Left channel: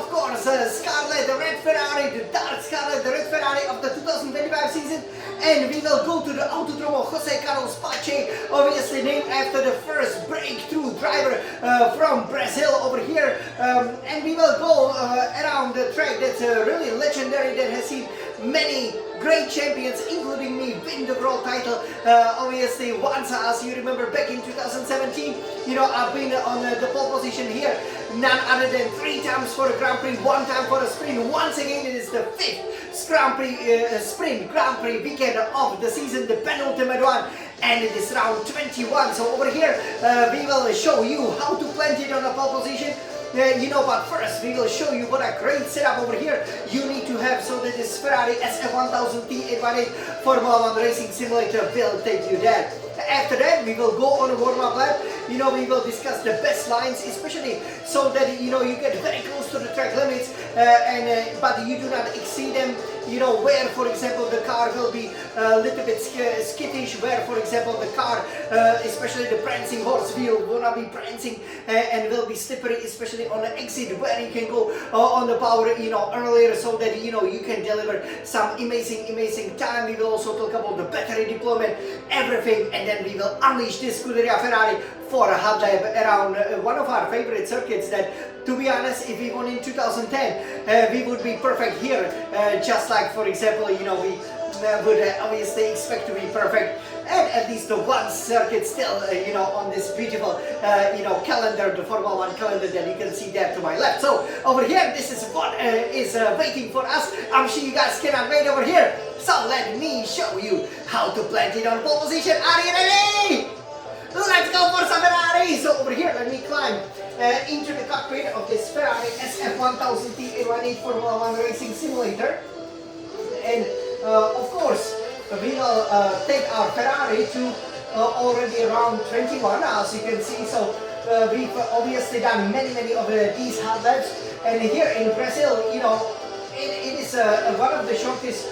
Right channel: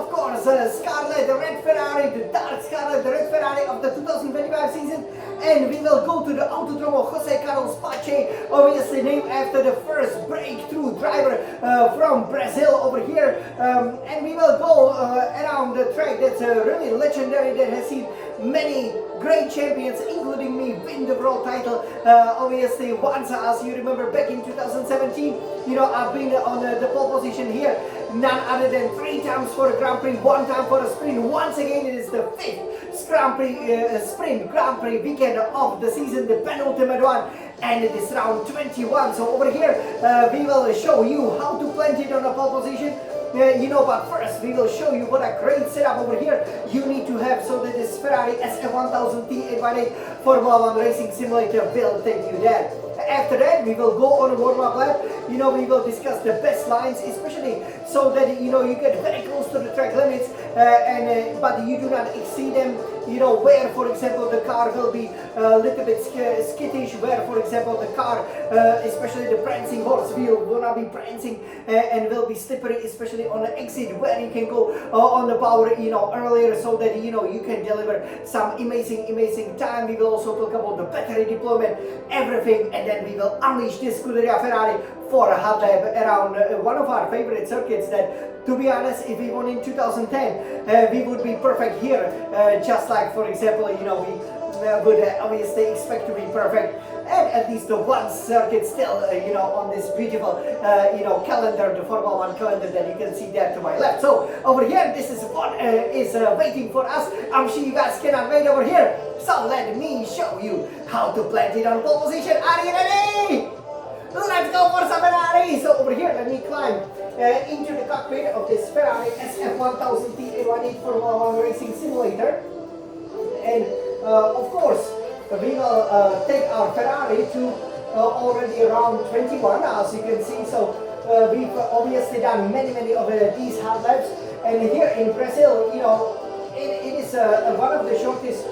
of course, Scarlet, the red Ferrari, the dark Scarlet, the red Ferrari of the 2025 season. And we will go to the Autodromo Jose Carlos Pache, obviously named after the first breakthrough driver from Brazil over here. And we will go around the track that's really legendary, that has seen many great champions, including me, win the world title. Obviously, once, as you remember, back in 2017, I've been on the pole position here. None other than 3 times for a Grand Prix, 1 time for a sprint. Once again, it is the 5th Grand Prix sprint Grand Prix weekend of the season, the penultimate one, and it is round 21. So over here, we will show you how to plant it on a pole position. But first we will show you what a great setup over here you need to have, so that this Ferrari SF1000T 818 Formula 1 Racing Simulator will take you there. After that, we will go on a warm-up lap. We will discuss the best lines, especially so that you get very close to the track limits, but you do not exceed them. Where, for example, the car will be a little bit skittish, where, for example, the car, especially the prancing horse wheel, will not be prancing and will be slippery, especially on the exit, where you can go on the power, earlier, so that you can deliver some amazing time. We will also talk about the battery deployment, everything, and then we will unleash this Scuderia Ferrari for a hot lap around one of our favorite circuits that, to be honest, if we won in 2010, we would be perfect here, just like, for example, we would obviously expect to be perfect at least the one circuit still, on this beautiful, calendar, the Formula 1 calendar that you can see there to my left. So over here, this is what is waiting for us. I'm sure you guys cannot wait over here. So let me show you how to plant it on pole position. Are you ready? Let's go for some Ferrari! So over here, let me climb into the cockpit of this Ferrari SF1000T 818 Formula 1 Racing Simulator. And of course, we will take our Ferrari to already around 21, as you can see. So we've obviously done many of these hot laps. And here in Brazil, it is one of the shortest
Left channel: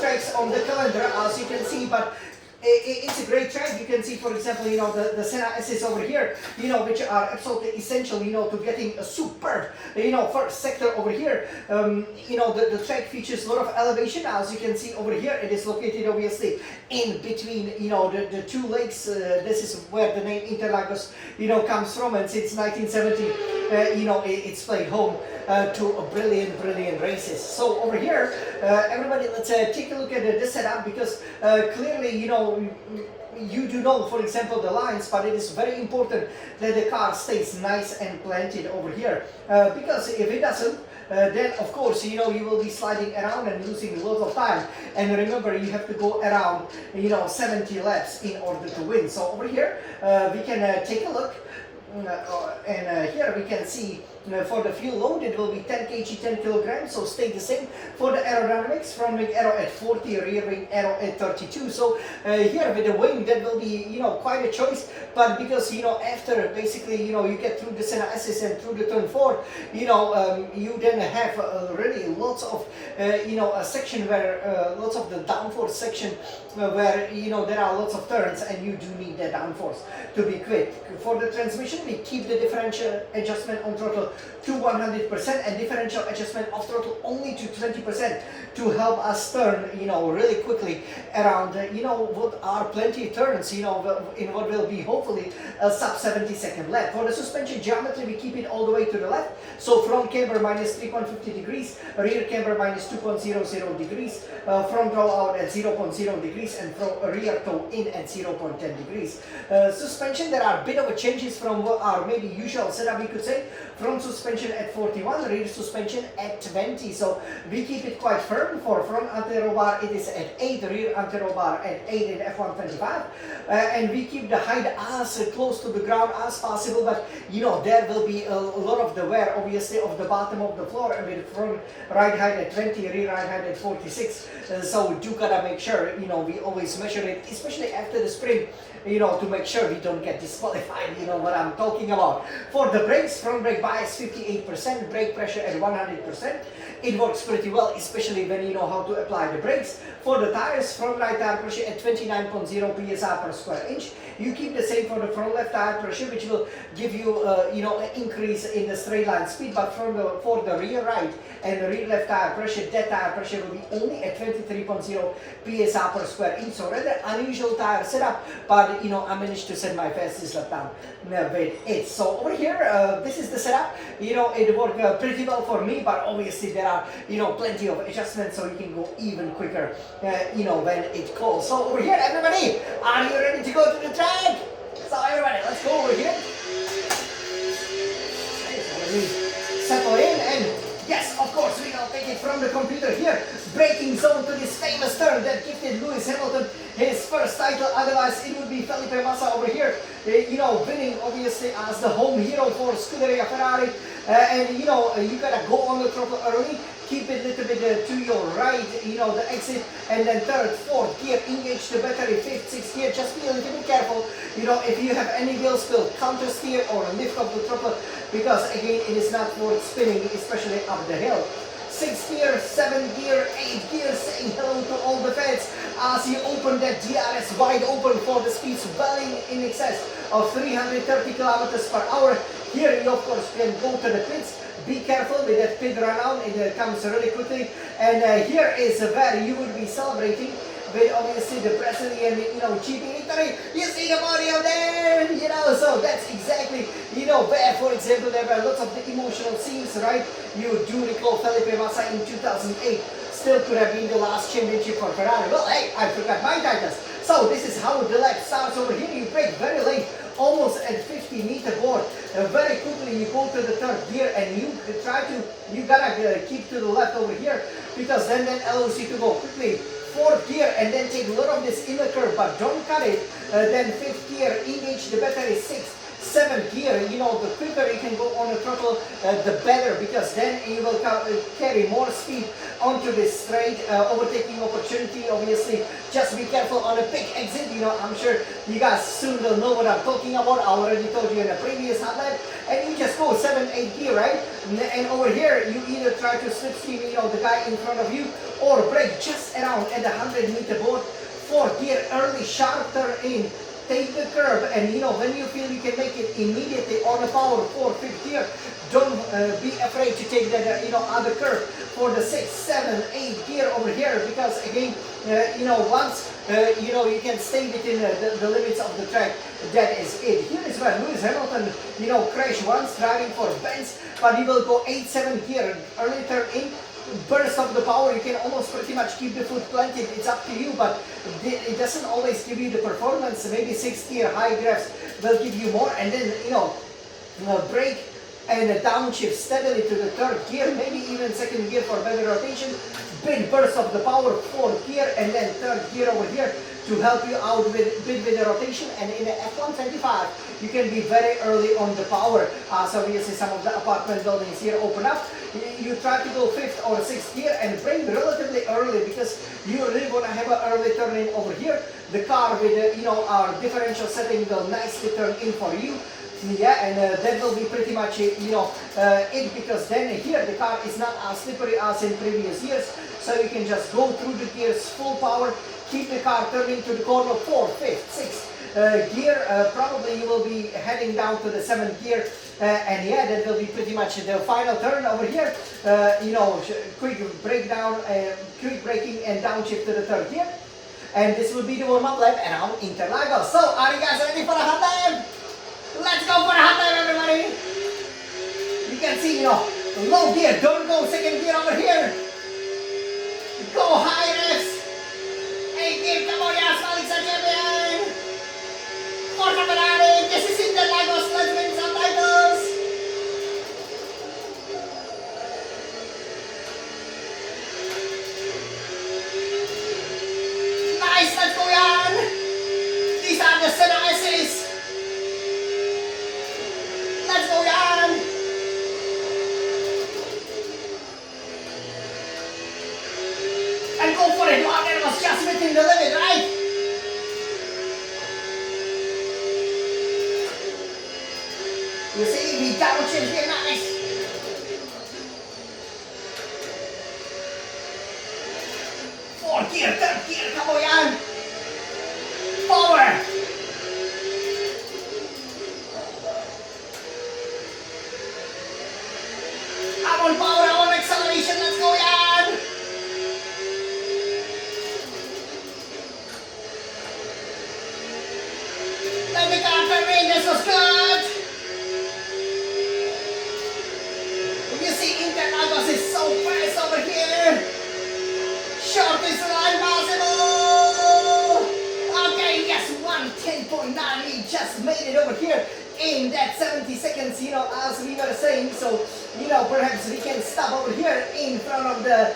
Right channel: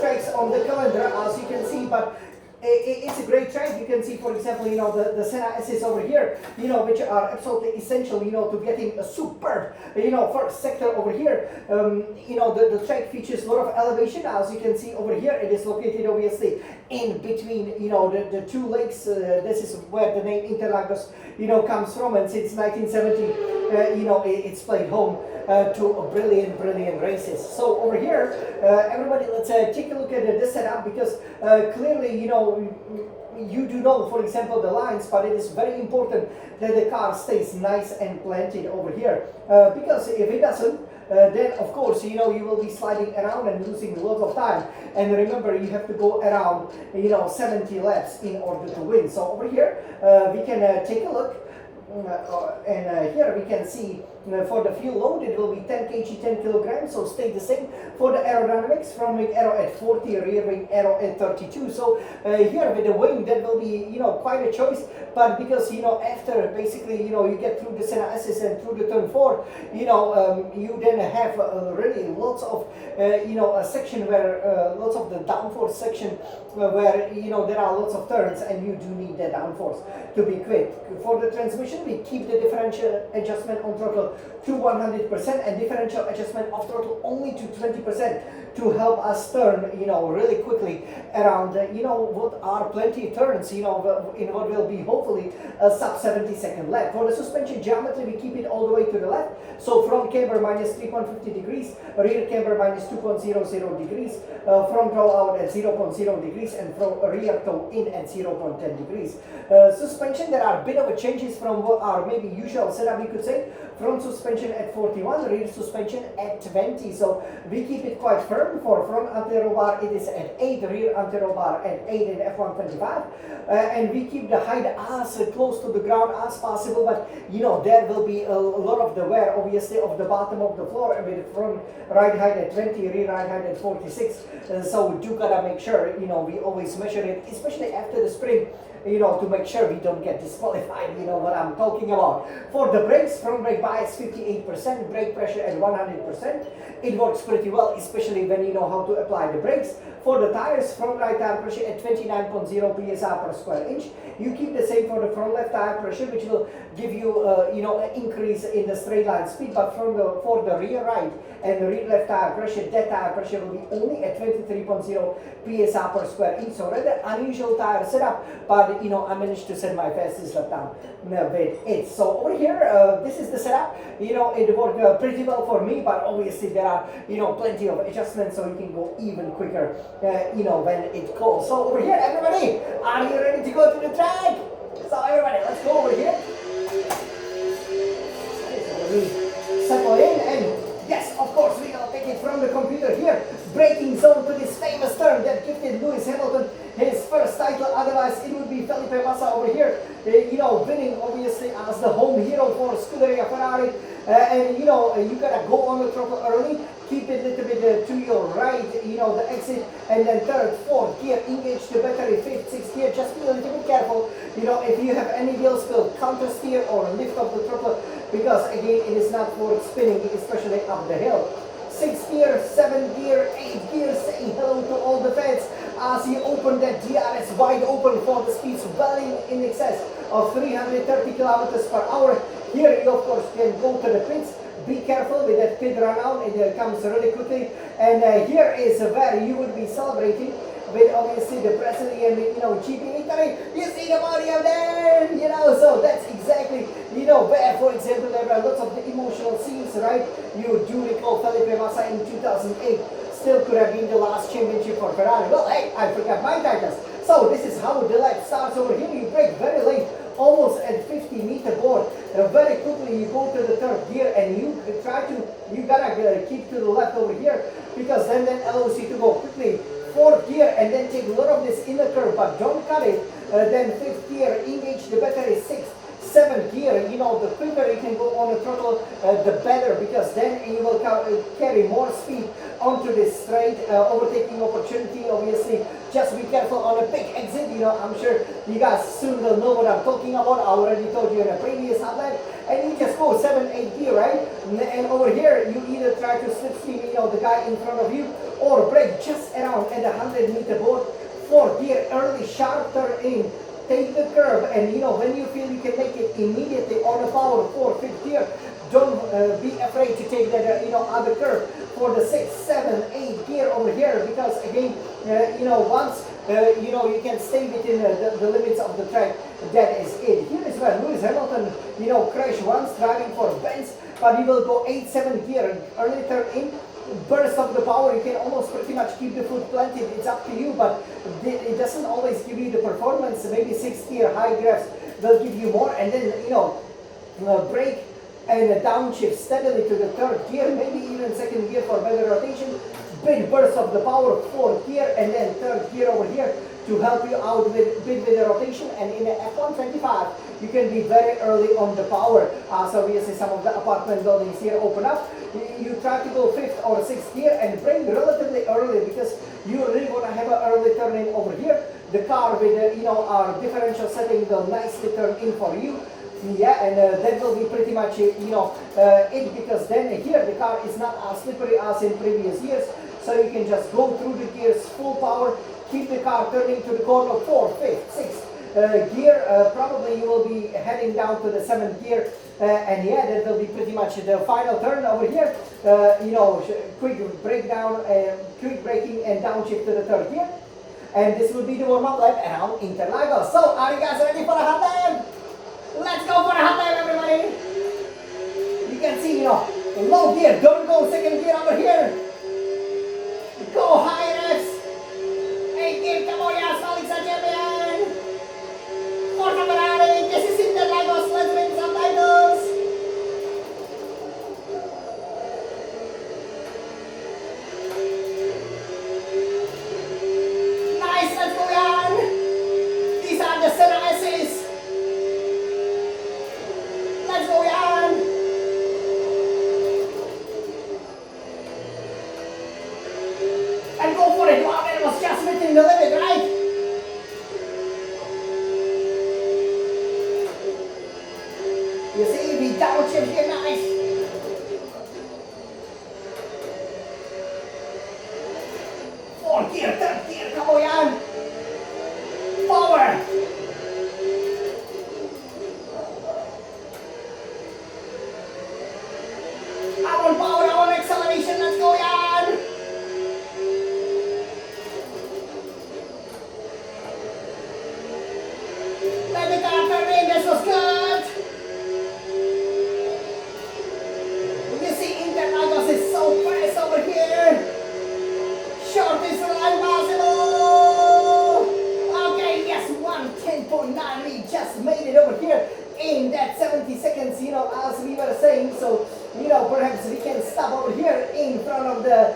tracks on the calendar, as you can see, but it's a great track. You can see, for example, the Senna S's over here, which are absolutely essential, to getting a superb, first sector over here. The track features a lot of elevation. As you can see over here, it is located obviously in between, the 2 lakes. This is where the name Interlagos, comes from, and since 1970, it's played home to a brilliant races. So over here, everybody, let's take a look at this setup, because clearly, you do know, for example, the lines, but it is very important that the car stays nice and planted over here, because if it doesn't, then of course, you will be sliding around and losing a lot of time. And remember, you have to go around, 70 laps in order to win. So over here, we can take a look. And here we can see for the fuel load it will be 10 kg, 10 kilograms, so stay the same. For the aerodynamics, front wing aero at 40, rear wing aero at 32. So here with the wing, that will be quite a choice, but because after basically you get through the Senna S's and through the turn 4, you then have really lots of a section where lots of the downforce section where there are lots of turns, and you do need that downforce to be quick. For the transmission, we keep the differential adjustment on throttle to 100% and differential adjustment of throttle only to 20% to help us turn really quickly around what are plenty of turns in what will be hopefully a sub 70-second lap. For the suspension geometry, we keep it all the way to the left, so front camber minus 3.50 degrees, rear camber minus 2.00 degrees, front roll out at 0.0 degrees, and rear toe in at 0.10 degrees. Suspension, there are a bit of a changes from what our maybe usual setup, we could say. Front suspension at 41, rear suspension at 20. So we keep it quite firm. For front anti-roll bar, it is at 8, rear anti-roll bar at 8 in F125. And we keep the height as close to the ground as possible, but there will be a lot of the wear, obviously, of the bottom of the floor, and with front ride height at 20, rear ride height at 46. So we do gotta make sure, we always measure it, especially after the sprint, to make sure we don't get disqualified, what I'm talking about. For the brakes, front brake bias 58%, brake pressure at 100%, it works pretty well, especially when you know how to apply the brakes. For the tires, front right tire pressure at 29.0 psi per square inch. You keep the same for the front left tire pressure, which will give you you know, an increase in the straight line speed. But for the rear right and the rear left tire pressure, that tire pressure will be only at 23.0 psi per square inch. So rather unusual tire setup, but you know, I managed to set my fastest lap time with it. So over here, this is the setup. You know, it worked pretty well for me, but obviously there are, you know, plenty of adjustments, so you can go even quicker, you know, when it calls. So over here, everybody, are you ready to go to the track? So everybody, let's go over here. Settle in, and yes, of course, we will take it from the computer here. Braking zone to this famous turn that gifted Lewis Hamilton his first title. Otherwise, it would be Felipe Massa over here, you know, winning obviously as the home hero for Scuderia Ferrari. And you know, you gotta go on the throttle early, keep it a little bit to your right, you know, the exit, and then third, fourth gear, engage the battery, fifth, sixth gear. Just be a little bit careful, you know, if you have any wheel spill, counter steer or lift up the throttle, because again, it is not worth spinning, especially up the hill. 6th gear, 7th gear, 8th gear, saying hello to all the fans as you open that DRS wide open for the speeds well in excess of 330 kilometers per hour. Here you of course can go to the pits. Be careful with that pit run out, it comes really quickly. And here is where you will be celebrating with obviously the Brazilian, you know, GP victory. You see the podium there, you know, so that's exactly, you know, where, for example, there were lots of the emotional scenes, right? You do recall Felipe Massa in 2008, still could have been the last championship for Ferrari. Well, hey, I forgot my titles. So this is how the lap starts over here. You brake very late, almost at 50-meter board. Very quickly you go to the third gear and you gotta keep to the left over here, because then that allows you to go quickly. Fourth gear and then take a lot of this inner curve, but don't cut it. Then fifth gear, engage the battery. Sixth, seventh gear, you know, the quicker you can go on the throttle, the better, because then you will carry more speed onto this straight overtaking opportunity. Obviously, just be careful on a big exit. You know, I'm sure you guys soon will know what I'm talking about. I already told you in a previous highlight. And you just go 7, 8 gear, right? And over here, you either try to slipstream, you know, the guy in front of you, or brake just around at the 100-meter board. 4th gear, early sharp turn in. Take the curve, and you know, when you feel you can make it immediately on the power 4th, 5th gear, don't be afraid to take that you know, other curve for the 6th, 7th, 8th gear over here, because again, you know, once you know, you can stay within the limits of the track, that is it. Here is where Lewis Hamilton, you know, crashed once driving for Benz, but he will go 8th, 7th gear, early turn in. Burst of the power, you can almost pretty much keep the foot planted, it's up to you, but it doesn't always give you the performance. Maybe 6th gear high grabs will give you more, and then you know, brake and downshift steadily to the 3rd gear, maybe even 2nd gear for better rotation. Big burst of the power, 4th gear, and then 3rd gear over here to help you out with the rotation. And in the F125 you can be very early on the power. So obviously some of the apartment buildings here open up. You try to go 5th or 6th gear and brake relatively early, because you really want to have an early turn in over here. The car with the, you know, our differential setting will nicely turn in for you. Yeah, and that will be pretty much you know, it, because then here the car is not as slippery as in previous years, so you can just go through the gears full power, keep the car turning to the corner 4th, 5th, 6th gear. Probably you will be heading down to the 7th gear, and yeah, that will be pretty much the final turn over here. You know, quick breakdown, quick braking and downshift to the 3rd gear, and this will be the warm-up lap around Interlagos. So are you guys ready for the hot lap? Let's go for a hot lap, everybody! You can see, you know, low gear, don't go 2nd gear over here. Go high revs. 8th gear, come on, yes, Alex champion! Forza Ferrari, this is Interlagos, let's win some titles! Nice, let's go, Jan! These are the Senna S's. Let's go, Jan! And go for it. Wow, that was just within the limit, right? You see, we double chip here, nice. gear, third gear, come on yan. Forward. I want power, I want acceleration, let's go yan. Let the car turn in, this was good. You see Interlagos is so fast over here. Shortest line possible. Okay, yes, 1:10.9. We just made it over here in that 70 seconds, you know, as we were saying. So, you know, perhaps we can stop over here in front of the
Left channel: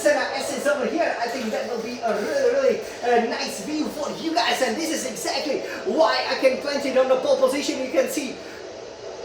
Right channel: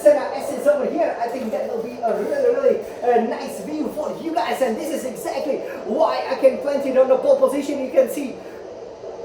Senna S's over here. I think that will be a really nice view for you guys. And this is exactly why I can plant it on the pole position. You can see,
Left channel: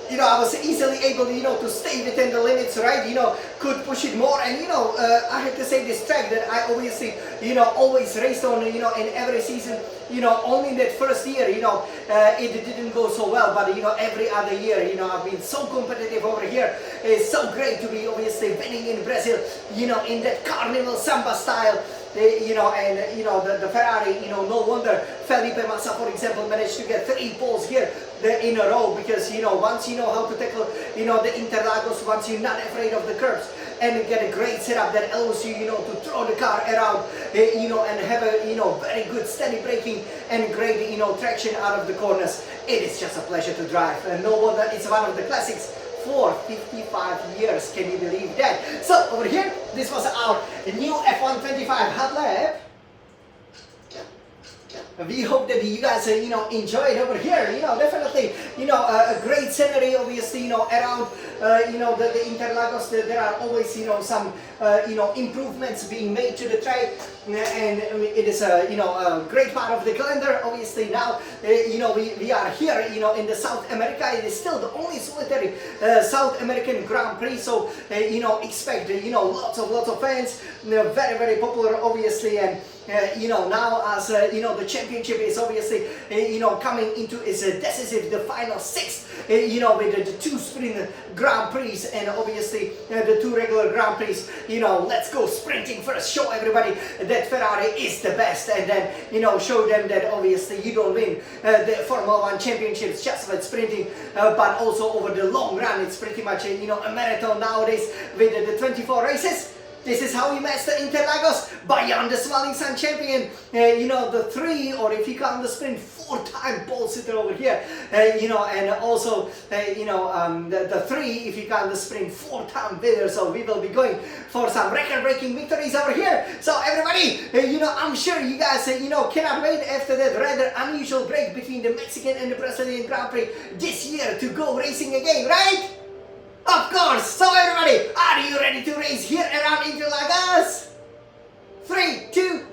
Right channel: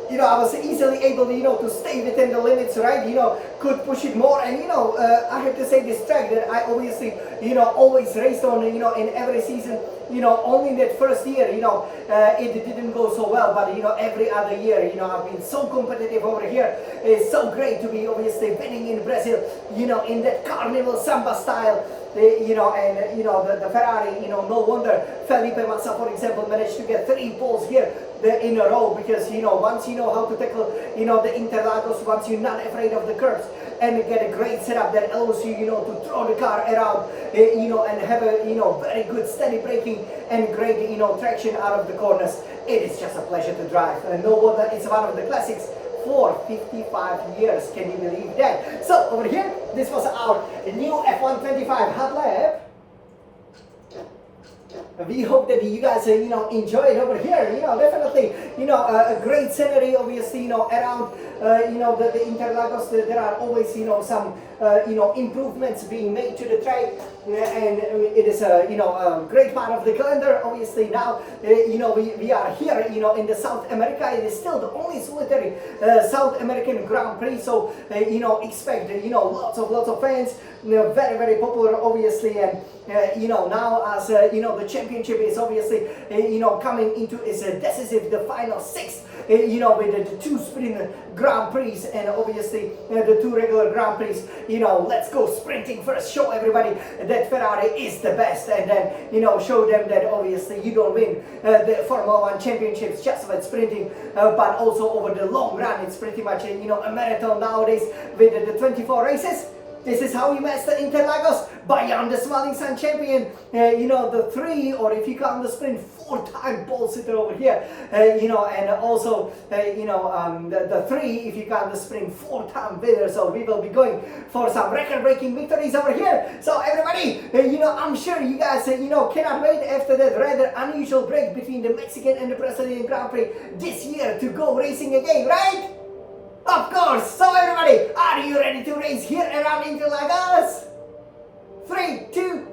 you know, I was easily able, you know, to stay within the limits, right? You know, could push it more. And, you know, I have to say this track that I obviously, you know, always raced on, you know, in every season, you know, only in that first year, you know, it didn't go so well. But, you know, every other year, you know, I've been so competitive over here. It's so great to be obviously winning in Brazil, you know, in that carnival samba style. You know, and you know, the Ferrari, you know, no wonder Felipe Massa, for example, managed to get 3 poles here in a row, because, you know, once you know how to tackle, you know, the Interlagos, once you're not afraid of the curves, and get a great setup that allows you, you know, to throw the car around, you know, and have a, you know, very good steady braking and great, you know, traction out of the corners. It is just a pleasure to drive, and no wonder it's one of the classics for 55 years. Can you believe that? So over here, this was our new F125 hot lap. We hope that you guys, you know, enjoy it over here. You know, definitely, you know, a great scenery, obviously, you know, around, you know, the Interlagos. There are always, you know, some, you know, improvements being made to the track, and it is a, you know, a great part of the calendar. Obviously now, you know, we are here, you know, in the South America. It is still the only solitary South American Grand Prix, so, you know, expect, you know, lots of fans, you know, very popular, obviously, and you know, now as you know, the championship is obviously you know, coming into its decisive, the final 6, you know, with the 2 sprint Grand Prix and obviously the 2 regular Grand Prix. You know, let's go sprinting first, show everybody that Ferrari is the best, and then, you know, show them that obviously you don't win the Formula 1 championships just with sprinting, but also over the long run. It's pretty much you know, a marathon nowadays with the 24 races. This is how you master Interlagos, beyond the Smiling Sun champion, you know, the 3, or if you count the sprint, 4-time pole sitter over here, you know, and also, you know, the 3, if you count the sprint, 4-time winner. So we will be going for some record-breaking victories over here. So everybody, you know, I'm sure you guys, you know, cannot wait after that rather unusual break between the Mexican and the Brazilian Grand Prix this year to go racing again, right? Of course! So everybody, are you ready to race here around Interlagos? 3, 2,